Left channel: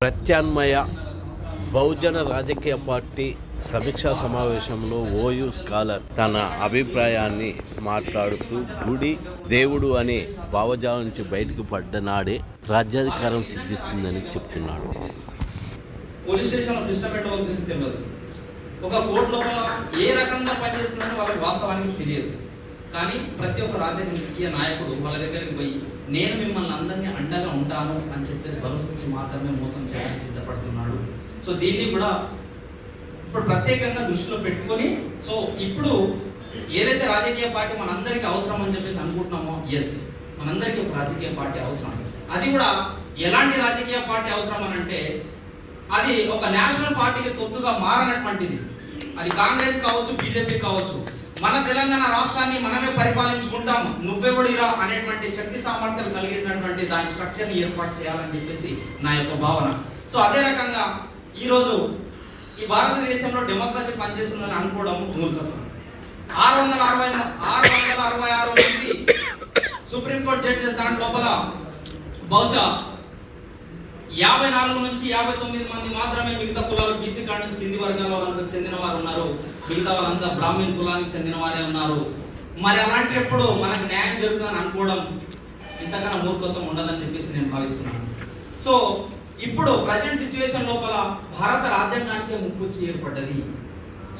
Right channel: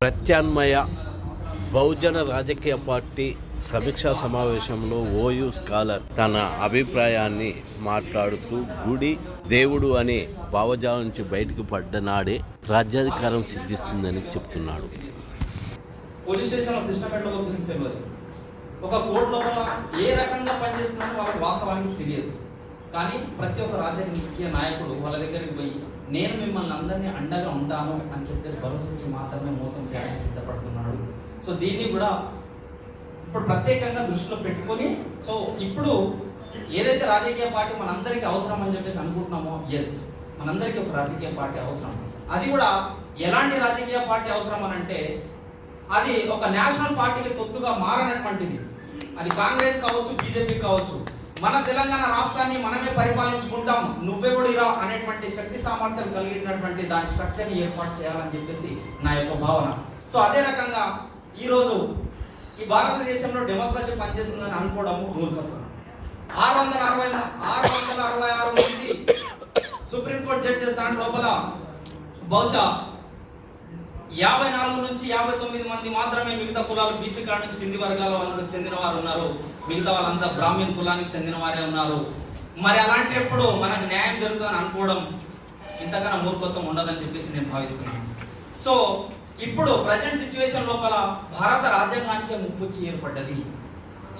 ప్రత్యామ్నాయ బహుజన రాజకీయ పార్టీ సమీక్షా సమావేశంలో ఓయూ స్కాలర్ తన అభిప్రాయాన్ని మాట్లాడుతూ గుడి దేవుడు అనే భావజాలం నుంచి బయటకు పడ్డ నాడే రాజ్యాధికారం సిద్ధిస్తుందని చెప్తున్నాడు. పోలీస్ స్టేషన్ సిస్టమ్ ఏంటో తెలియదు, ఒక కోర్టు లోపల ఏ రకంగా పనిచేస్తుందని వాళ్ళకి వాస్తవానికి తెలియదు. కానీ ప్రతి ఒక్క రాజకీయ నాయకుడు వాళ్ళ దగ్గరికి పోయి నేను మిమ్మల్ని అందరినీ అండగా ఉంటాను అని చెప్పేసి భరోసా మాత్రమే మోసం చేయడానికి సిద్ధపడుతున్నాడు. సో దీన్ని కూడా ఇప్పుడు ప్రత్యేకంగా దృష్టిలో పెట్టుకొని, సో ఇప్పుడు ఏదైతే రాజకీయ పార్టీ మనందరికీ అవసరం అని చెప్పేసి అనుకుంటున్నామో, ఎస్ మనందరికీ ఒక రాజకీయ పార్టీ అవసరం. అది కూడా ఎలాంటి రాజకీయ పార్టీ అవసరం అని అంటే, అది ఒక నేషనల్ పార్టీకి తొత్తుగా మారనటువంటిది. అది కాంగ్రెస్ కావచ్చు, బీజేపీ కావచ్చు. మన తెలంగాణ రాష్ట్రాన్ని మనమే పరిపాలించుకుంటాం, నువ్వెవడిరా అనేటువంటి శక్తి సామర్థ్యాలు కలిగినటువంటి దాని స్ట్రక్చర్ని ఏర్పాటు చేయాలని చెప్పేసి నా యొక్క భావన. సో అదే రకంగా ఈరోజు ఈ భారతదేశంలో డెమోక్రసీ పనిచేస్తుందని అనుకోవడం మూర్ఖత్వం. 666 మంది సుప్రీంకోర్టు జడ్జెస్ దాని లోపల బహుశా 54 నుంచి 59 మంది మాత్రమే మిగతా కులాలు బీసీ కాడ నుంచి కింది వర్గాల వాళ్ళకి చెందిన వారు ఉన్నారు. మిగతా వాళ్ళంతా బ్రాహ్మణ్ కులానికి చెందిన వారే ఉన్నారు. మరి అలాంటప్పుడు మనకు న్యాయం జరుగుతుందని అనుకోవడం ఇంతకన్నా మూర్ఖత్వం ఉండదని చెప్పేసి నేను భావిస్తున్నాను. సో ఇప్పుడు ప్రజెంట్ సిచ్యువేషన్ లోపల భారత రాజ్యాంగానికి ముప్పు ఏర్పడ్డది.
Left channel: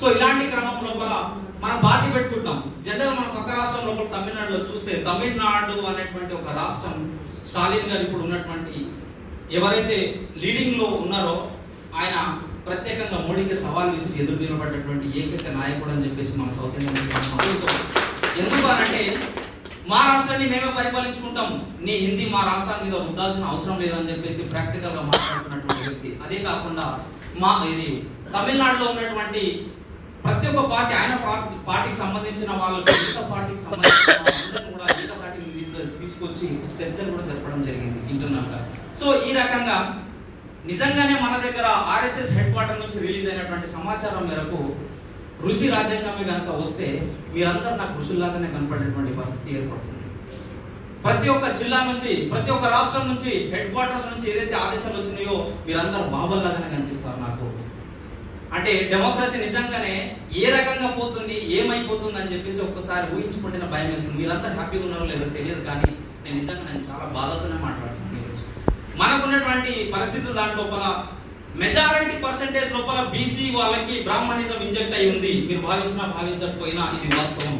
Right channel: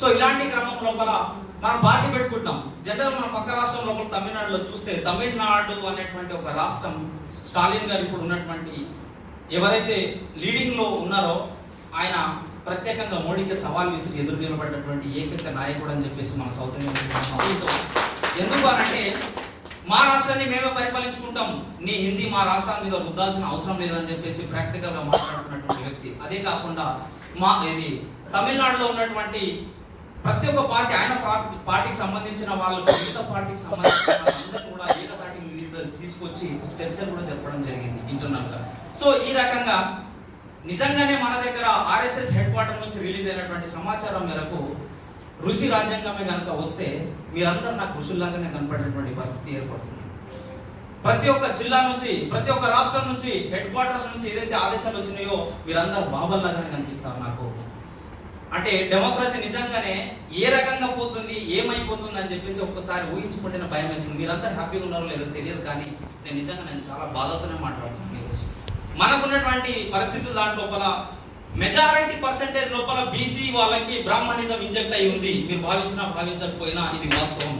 సో ఇలాంటి క్రమం లోపల మనం పార్టీ పెట్టుకుంటాం. జనరల్ మన పక్క రాష్ట్రం లోపల తమిళనాడులో చూస్తే, తమిళనాడు అనేటువంటి ఒక రాష్ట్రం స్టాలిన్ గారు ఇప్పుడు ఉన్నటువంటి ఎవరైతే లీడింగ్ లో ఉన్నారో ఆయన ప్రత్యేకంగా మోడీకి సవాల్ విసిరి ఎదురు నిలబడ్డటువంటి ఏకైక నాయకుడు అని చెప్పేసి మన సౌత్ ఇండియన్. ఎందుకు అనంటే, మా రాష్ట్రాన్ని మేమే పరిపాలించుకుంటాం, నీ హిందీ మా రాష్ట్రాల మీద వద్దాల్సిన అవసరం లేదని చెప్పేసి ప్రాక్టికల్ గా మాట్లాడుతున్నటువంటి వ్యక్తి. అదే కాకుండా ఇది తమిళనాడులో ఉన్నటువంటి ప్రతి ఒక్క పార్టీ, ఆయన పార్టీకి సంబంధించిన వాళ్ళకి మిగతా పార్టీకి సంబంధించిన అందరూ కూడా ఏకతాటికి తీసుకొచ్చి చర్చలు కూడా జరపడం జరిగింది ఇంటర్నల్ గా. సో ఈ రకంగా నిజంగానే మన దగ్గర ఆర్ఎస్ఎస్ హెడ్ క్వార్టర్ నుంచి రిలీజ్ అయినటువంటి సమాచారం మేరకు ఋషి రాజ్యాంగమే కనుక వస్తే మీరందరూ నాకు ఋషుల్లాగానే కనపడేటువంటి పరిస్థితి ఏర్పడుతుంది. ప్రతి ఒక్క జిల్లా నుంచి, ప్రతి ఒక్క రాష్ట్రం నుంచి, హెడ్ క్వార్టర్స్ నుంచి ఏదైతే ఆదేశాలు వచ్చినాయో మీరందరూ బాబల్లాగానే కనిపిస్తారు నాకు. అంటే డెమోక్రసీ నిజంగానే ఏ రకంగా పోతుంది, ఏమైపోతుంది అని చెప్పేసి ఒక్కసారి ఊహించుకుంటే భయం వేస్తుంది. మీరందరూ హ్యాపీగా ఉన్నారో లేదో తెలియదు, కానీ నేను చాలా బాధతోనే మాట్లాడుతున్నాను. మనకున్నటువంటి పరిస్థితి దాని లోపల మెజారిటీ పర్సెంటేజ్ లోపల బీసీ వాళ్ళకి బ్రాహ్మణిజం ఇంజెక్ట్ అయి ఉంది. మీరు భావించినా భావించకపోయినా ఇది వాస్తవం.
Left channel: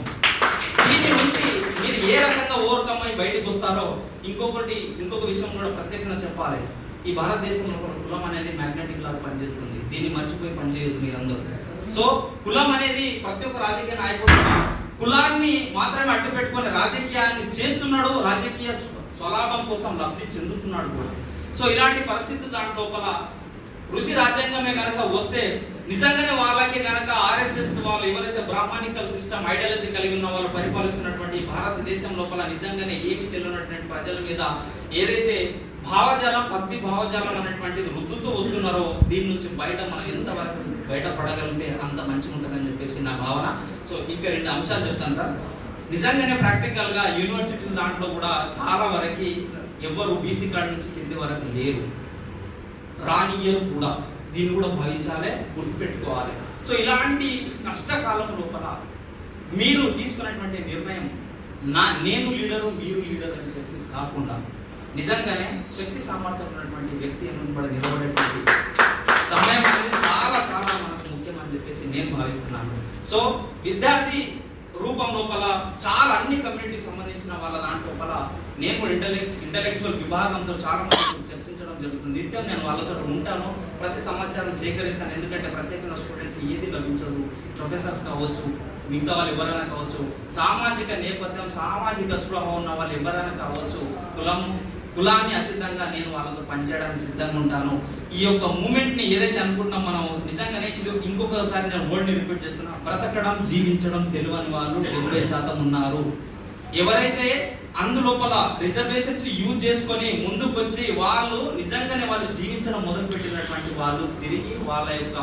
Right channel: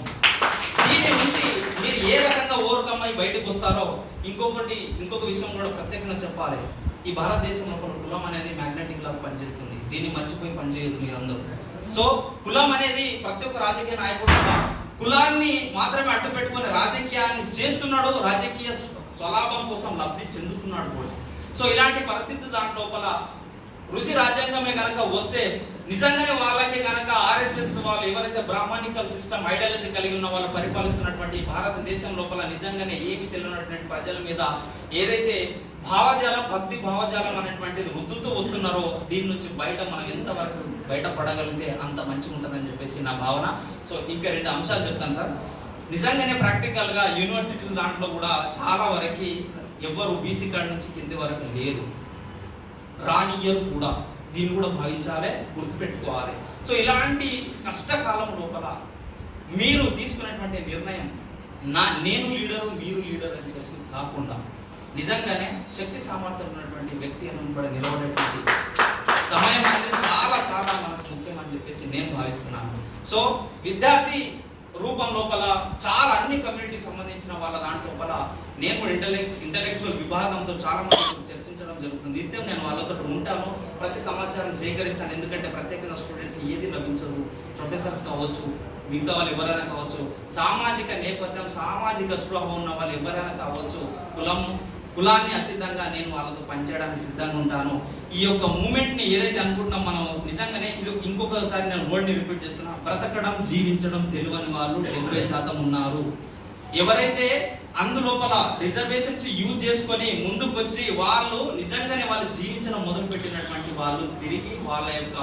దీని నుంచి మీరు ఏ రకంగా ఓవర్కమ్ అయి బయటకు వస్తారో, ఇంకొక విషయం కూడా ప్రత్యేకంగా చెప్పాలి. ఈ భారతదేశంలో కులం అనేది మ్యాగ్నెటిక్ లాగా పనిచేస్తుంది. దీన్ని మర్చిపోయి పనిచేయదు మీరందరూ. సో కులం అనేది ప్రతి ఒక్క రాజకీయ నాయకుడు కులాన్ని మాత్రమే అడ్డు పెట్టుకొని రాజకీయాన్ని చేస్తున్నాడు, రాజకీయ స్వలాభం కోసం లబ్ధి చెందుతున్నాడు కూడా. సో ఇలాంటి పరిస్థితి దాని లోపల ఋషి రాజ్యాంగమే కనుక వస్తే నిజంగానే వాళ్ళకి కనుక ఆర్ఎస్ఎస్ వాళ్ళు ఎవరైతే బ్రాహ్మణికల్ సిస్టమ్ ఐడియాలజీ కలిగి ఉన్న వాళ్ళు పరిపాలిస్తున్నటువంటి భారతదేశం లోపల నిజంగానే ఏమి తెలియనటువంటి ప్రజల మీద ఏదైతే భావజాలం, భక్తి భావజాలం అనేటువంటిది రుద్దుతూ వస్తున్నారో దీని నుంచి మనం ఎంతవరకు బయటపడగలిగితే అంత మంచిగా ఉంటుందని చెప్పేసి నా భావన. సో ఇంకా 2 అంశాలు చెప్తాను సార్. నిజంగానే ప్రాక్టికల్ గా యూనివర్సిటీల దాంట్లో కూడా చాలా వరకు ఎవ్వరు బీసీ కార్డు నుంచి కింది వరకు లేరు, రానియరు కూడా. దీన్ని కూడా భావించాలి, గుర్తుపెట్టుకోవాలి. సో ఇలాంటి కష్టకాలం లోపల మీరు తీసుకున్నటువంటి నిర్ణయం నేను లీడరు మీరు లీడర్ అని చెప్పి కాకుండా నిజంగానే శక్తి సామర్థ్యం ఉన్నటువంటి వ్యక్తి అని నిలబడేటువంటి సమయం అనేది చాలా చాలా మనకు ముఖ్యమని చెప్పేసి నేను భావిస్తున్నాను. సో విద్యార్థి రూపం లోపల చాలా అన్ని కమ్యూనిటీకి సంబంధించిన వాళ్ళ దాంట్లోపల నేను కూడా ఇంటలెక్చువల్ విభాగంతో చాలా మంది చర్చించడం జరుగుతుంది. నిత్యం నేను వాళ్ళతో ఉంటాను, ప్రతి సమాచారం సేకరిస్తాను. ఎందుకంటే ప్రత్యేకంగా స్టూడెంట్స్ ఏది లభించదు, ప్రొఫెసర్స్ కావచ్చు, మిగతా వాళ్ళు ఎవరైనా కావచ్చు, సామాజిక నేపథ్యం, సామాజిక స్పృహ ఉన్న వాళ్ళు ఎవరైనా కావచ్చు, కులాన్ని అతీతంగా నేను వాళ్ళతో పనిచేయడానికి సిద్ధంగా ఉంటాను. ఈ యొక్క మూమెంట్ని ఏదైతే అనుకుంటున్నాం మనం నిజంగానే ఇది ఇంకొకసారి నేను వర్డ్ని రిపీట్ చేస్తున్నా, బ్రతకడం జీవించడం తెలియని వాళ్ళు 70% ఉన్నారు. ఎవరైతే అందులోపల రిజర్వేషన్స్ యూజ్ చేసుకొని ముందుకు వచ్చి వాళ్ళు నిజంగానే వాళ్ళు జీవించడం మొదలుపెట్టినటువంటి వాళ్ళు తిరిగి వాళ్ళ యొక్క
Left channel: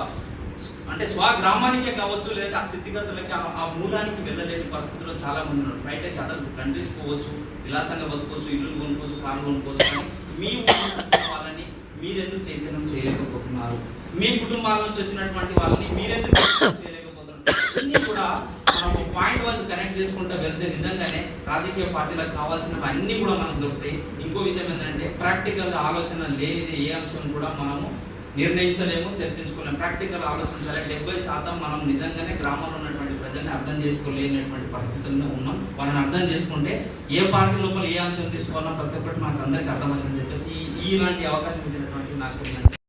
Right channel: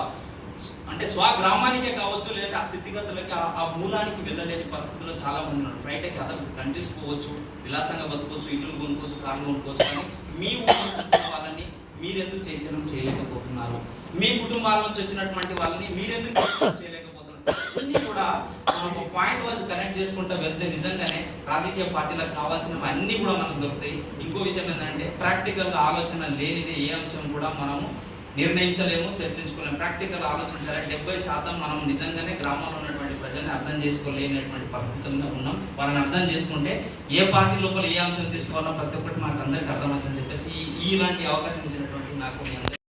అంటే స్వగ్రామానికే కావచ్చు, లేదంటే ఆ స్థితిగతులకి ఆ మూలానికి వెళ్ళలేని పరిస్థితుల్లో చాలా మంది ఉన్నారు. బయటకి అదర్ కంట్రీస్ పోవచ్చు, విలాసంగా బతుకోవచ్చు, ఇల్లు కొనుక్కోవచ్చు, కార్లు కొనుక్కోవచ్చు, కానీ మీ ఊళ్ళో వాళ్ళని మీరెందుకు చైతన్యం చేయలేకపోతున్నారు? మీ కుటుంబాల నుంచి వచ్చినటువంటి వాళ్ళని మీరెందుకు చైతన్యం చేయలేకపోతున్నారు? ఇవన్నీ కూడా మనం పాయింట్ వైజ్ కనెక్ట్ చేసుకుంటూ వెళ్తే నిజంగానే రాజకీయ పార్టీలకు కావాల్సిన అన్ని కూడా మనకు దొరుకుతాయి. ఇంకో విషయం ఏంటంటే ప్రాక్టికల్ ఆలోచన లేనిది ఏ అంశం కూడా మనము నిర్ణయించలేము, చర్చించుకోలేము. ప్రాక్టికల్ ఆలోచించాలి. 70% మనం నిజంగానే గ్రామంలో ఉన్నటువంటి ప్రజల్ని అర్థం చేసుకోలేనటువంటి పరిస్థితుల్లో ఉన్నాం. వాళ్ళని అర్థం చేసుకుంటే ఏ పార్టీ లోపల ఏ అంశం తీసుకోవాలో ప్రతి ఒక్కటి మాకు అందరికీ అర్థమవుతుందని చెప్పేసి ఇలాంటి అవకాశం ఇచ్చినటువంటి నాకు